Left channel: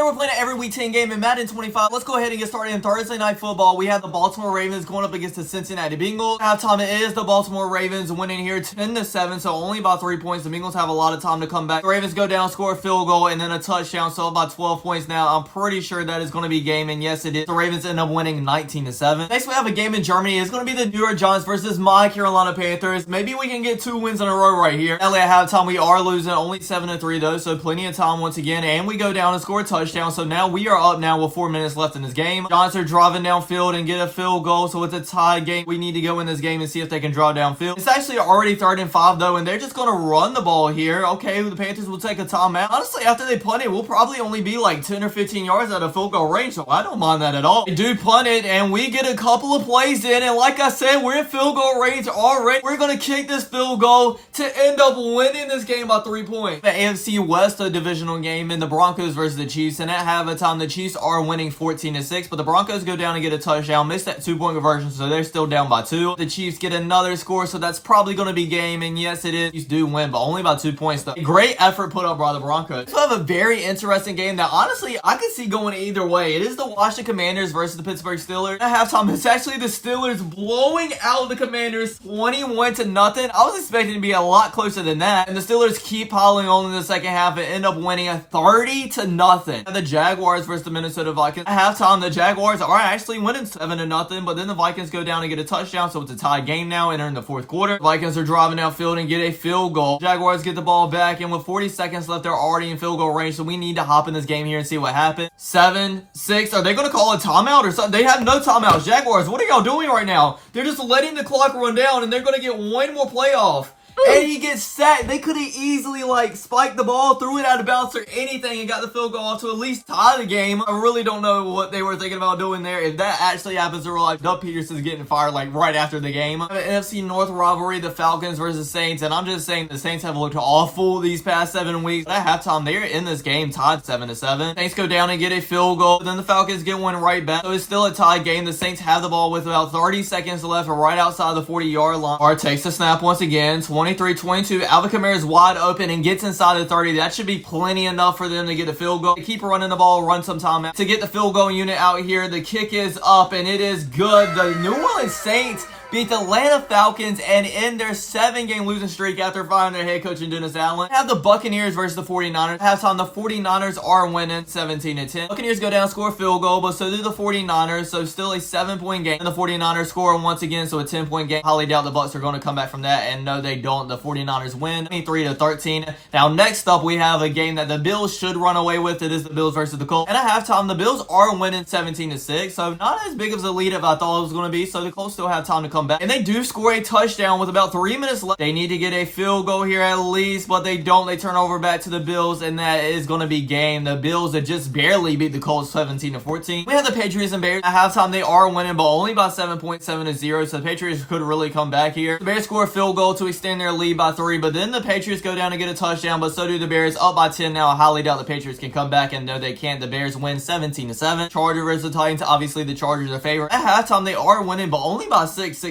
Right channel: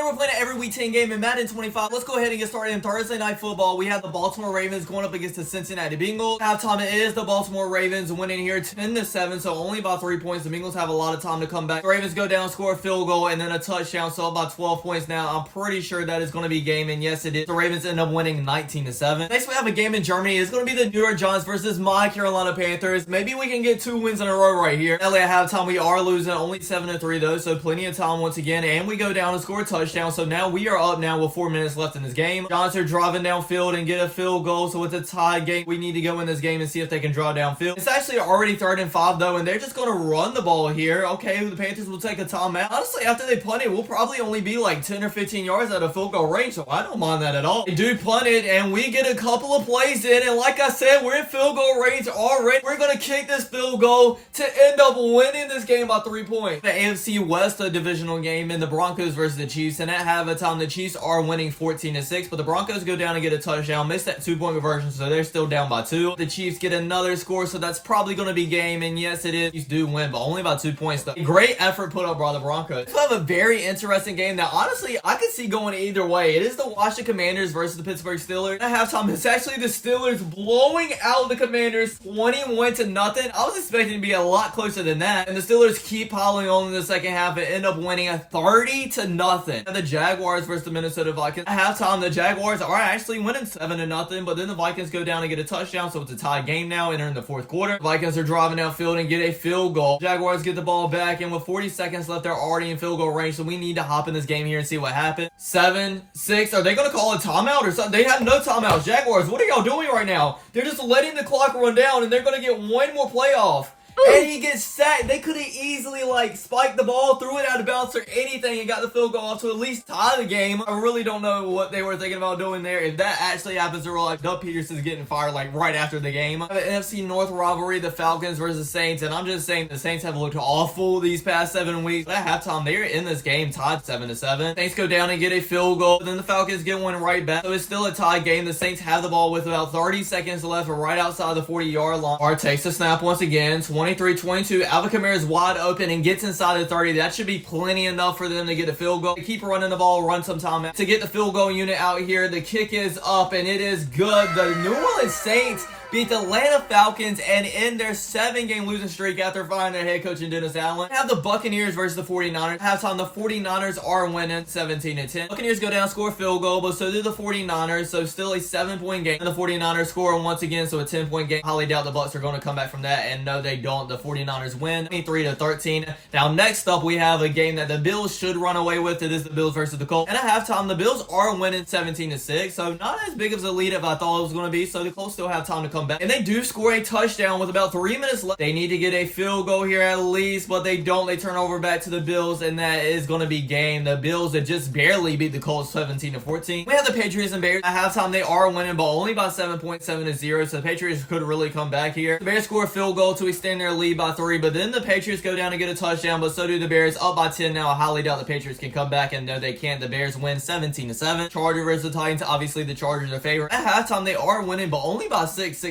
Today we're playing an every week 10 game in Madden 25. Let's go ahead and get started in Thursday Night Football. We have the Baltimore Ravens going up against the Cincinnati Bengals. Halftime it is the Baltimore Ravens winning here 10-7, so only about 3 points. The Bengals have a lot of time to come back. The Ravens go down, score a field goal, and then a touchdown, so about 12 points now. I'm pretty sure that is going to be game, and yes, it is. The Ravens end up winning 19-7. Next, we have a game in Germany. It's going to be the New York Giants versus my Carolina Panthers. Maybe we can get 2 wins in a row right here. Sadly, at halftime, we are losing only 7-3 though, so plenty of time once again, and we go down and score a touchdown. So now we are up now with 4 minutes left in this game. Giants are driving downfield and get a field goal, so it's a tie game. We need to go in this game and see if they can draw downfield. It's actually already 3rd and 5 though, and they're just going to run the ball here. Okay, the Panthers will take a timeout. Honestly, after they punt it, we'll probably only be like 10 or 15 yards out of field goal range, so I don't mind that at all. They do punt it, and we get a couple of plays in, and like I said, we're in field goal range already. We're going to kick this field goal to end up winning this game by 3 points. The AFC West, the divisional game in the Broncos versus the Chiefs, and at halftime, the Chiefs are winning 14-6, but the Broncos go down and get a touchdown, miss that 2-point conversion, so they're still down by 2. The Chiefs get another score, so that's probably going to be game, and yes, it is. Chiefs do win, but only by 2 points though. Great effort put up by the Broncos. We have a very interesting game that honestly I could see going either way. It is the Washington Commanders versus the Pittsburgh Steelers. At halftime, it's actually the Steelers blowing out the Commanders 21-0. I was expecting to be a lot closer than that, and the Steelers keep piling on in the second half and end up winning a 30-0. The Jaguars versus the Minnesota Vikings. At halftime, the Jaguars are actually winning 7-0, but then the Vikings go down and get a touchdown, so it's a tie game now entering the 4th quarter. The Vikings are driving downfield and get a field goal. Jaguars get the ball back, and with 40 seconds left, they're already in field goal range, so we need to hop in this game here and see what happens. 7-6. Are they going to call a timeout or something? They have no timeouts. Jaguars, what are y'all doing right now? They're just letting the clock run down, and they're going to get one more play off. And he gets sacked. They could have easily spiked the ball, threw it out of bounds or anything, and got the field goal off to at least tie the game. I really don't know what they were thinking about doing there. If that actually happens, or Doug Peterson's getting fired right after the game. The NFC North rivalry, the Falcons versus Saints, and I'm just saying the Saints have looked awful these past 7 weeks. At halftime, they're in this game tied 7-7. Saints go down and get a field goal, then the Falcons get one right back. So it's still a tie game. The Saints have the ball with about 30 seconds left, right outside the 40-yard line. Lamar takes the snap once again. 23-22. Alvin Kamara is wide open and gets inside the 30. That should be plenty enough for them to get a field goal. They keep running the ball, run some time to get the field goal unit out here. The kick is up and it is good. The New Orleans Saints beat the Atlanta Falcons and end their 7-game losing streak after firing their head coach in Dennis Allen. Have the Buccaneers versus the 49ers. Halftime, the 49ers are winning 17-10. Buccaneers go down, score a field goal, but so do the 49ers, so still a 7-point game. And the 49ers score once again, so a 10-point game. Highly doubt the Bucs are going to come back from that, and no, they don't. The 49ers win 23-13. Now, next up, we have a game that the Bills should run away with. It is the Bills versus the Colts. And at halftime, the Bills are winning 17-6, so not as big of a lead as I thought it was going to be, so the Colts still have time to come back. And they do score a touchdown with about 3 minutes left. They need to get a field goal here at least, but they don't. They turn over back to the Bills, and that is going to be game. The Bills that just barely beat the Colts 17-14. We have the Patriots and Bears. At halftime, they are winning, but only by 7.7-0, so the Patriots could really come back here. The Bears score a field goal to extend their lead by 3, but then the Patriots go down and get a touchdown, but so do the Bears, up by 10 now. I highly doubt the Patriots can come back, and no, they can't. The Bears win 17-7. Chargers versus the Titans. Obviously, the Chargers are favored. At halftime, they are winning, but only by 6-0.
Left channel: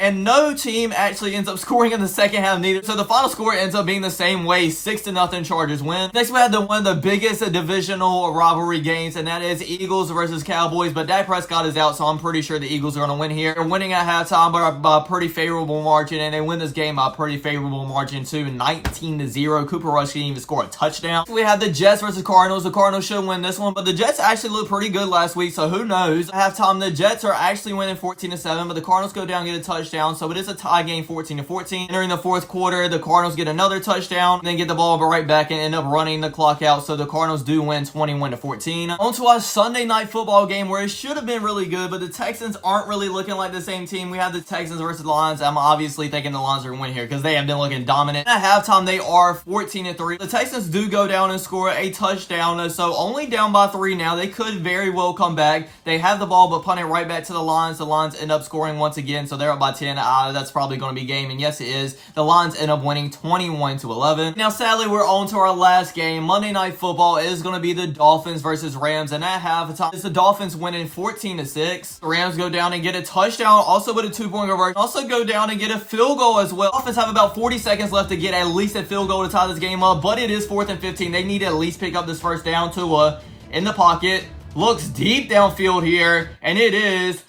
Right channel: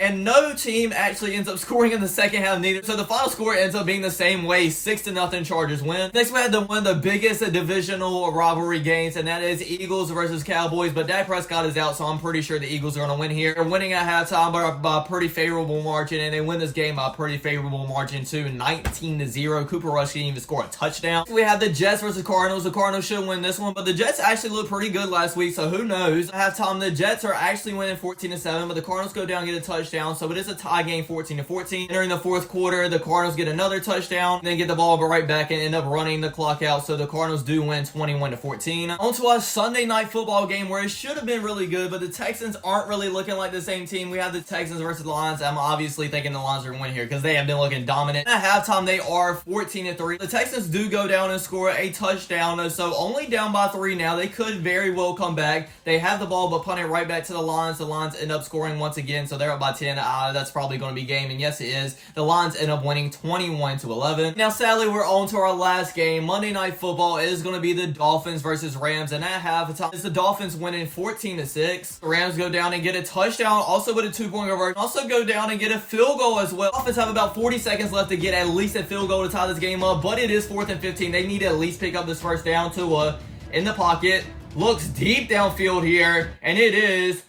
And no team actually ends up scoring in the second half neither. So the final score ends up being the same way, 6-0 Chargers win. Next we had one of the biggest divisional rivalry games, and that is Eagles versus Cowboys. But Dak Prescott is out, so I'm pretty sure the Eagles are going to win here. They're winning at halftime by a pretty favorable margin, and they win this game by a pretty favorable margin too, 19-0. Cooper Rush didn't even score a touchdown. We have the Jets versus Cardinals. The Cardinals should win this one, but the Jets actually looked pretty good last week, so who knows? At halftime, the Jets are actually winning 14-7, but the Cardinals go down and get a touchdown, so it is a tie game 14-14. Entering the 4th quarter, the Cardinals get another touchdown, and then get the ball right back and end up running the clock out, so the Cardinals do win 21-14. On to our Sunday night football game where it should have been really good, but the Texans aren't really looking like the same team. We have the Texans versus the Lions. I'm obviously thinking the Lions are going to win here because they have been looking dominant. At halftime, they are 14-3. The Texans do go down and score a touchdown, so only down by 3 now. They could very well come back. They have the ball, but punt it right back to the Lions. The Lions end up scoring once again, so they're up by 10. That's probably going to be game, and yes, it is. The Lions end up winning 21-11. Now, sadly, we're on to our last game. Monday Night Football is going to be the Dolphins versus Rams, and at halftime, it's the Dolphins winning 14-6. The Rams go down and get a touchdown, also with a 2-point conversion. Also go down and get a field goal as well. Dolphins have about 40 seconds left to get at least a field goal to tie this game up, but it is 4th and 15. They need to at least pick up this first down. Tua in the pocket, looks deep downfield here, and it is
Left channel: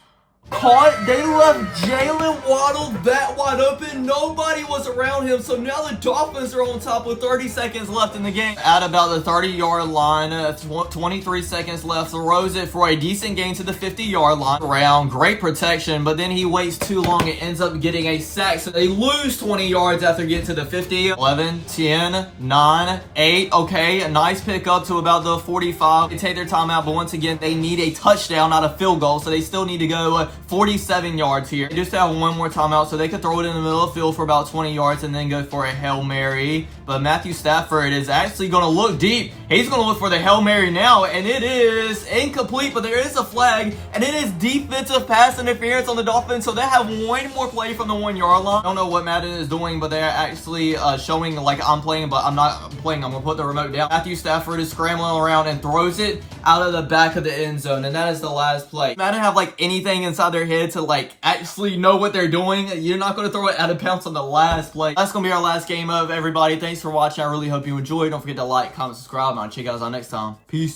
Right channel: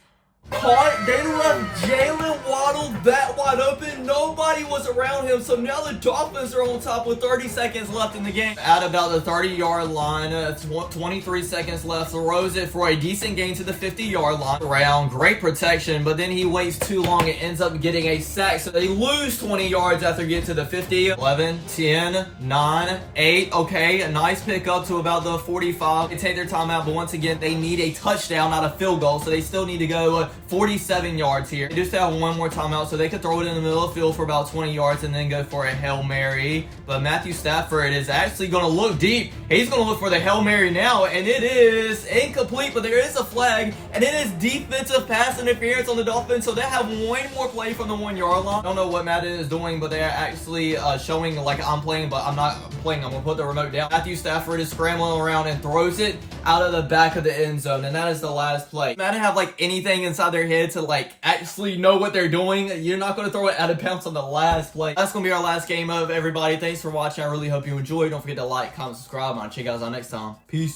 caught. They left Jalen Waddle that wide open. Nobody was around him. So now the Dolphins are on top with 30 seconds left in the game. At about the 30-yard line, 23 seconds left. Throws it for a decent gain to the 50-yard line. Around great protection, but then he waits too long. It ends up getting a sack. So they lose 20 yards after getting to the 50. 11, 10, 9, 8. Okay, a nice pick up to about the 45. They take their timeout, but once again, they need a touchdown, not a field goal. So they still need to go 47 yards here. They just have one more timeout, so they could throw it in the middle of the field for about 20 yards and then go for a Hail Mary. But Matthew Stafford is actually going to look deep. He's going to look for the Hail Mary now, and it is incomplete, but there is a flag, and it is defensive pass interference on the Dolphins, so they have one more play from the 1-yard line. I don't know what Madden is doing, but they're actually showing like I'm playing, but I'm not playing. I'm going to put the remote down. Matthew Stafford is scrambling around and throws it out of the back of the end zone, and that is the last play. Madden have like anything inside their head to like actually know what they're doing. You're not going to throw it out of bounds on the last play. That's going to be our last game of everybody. Thanks for watching. I really hope you enjoyed. Don't forget to like, comment, subscribe, and I'll check you guys out next time. Peace.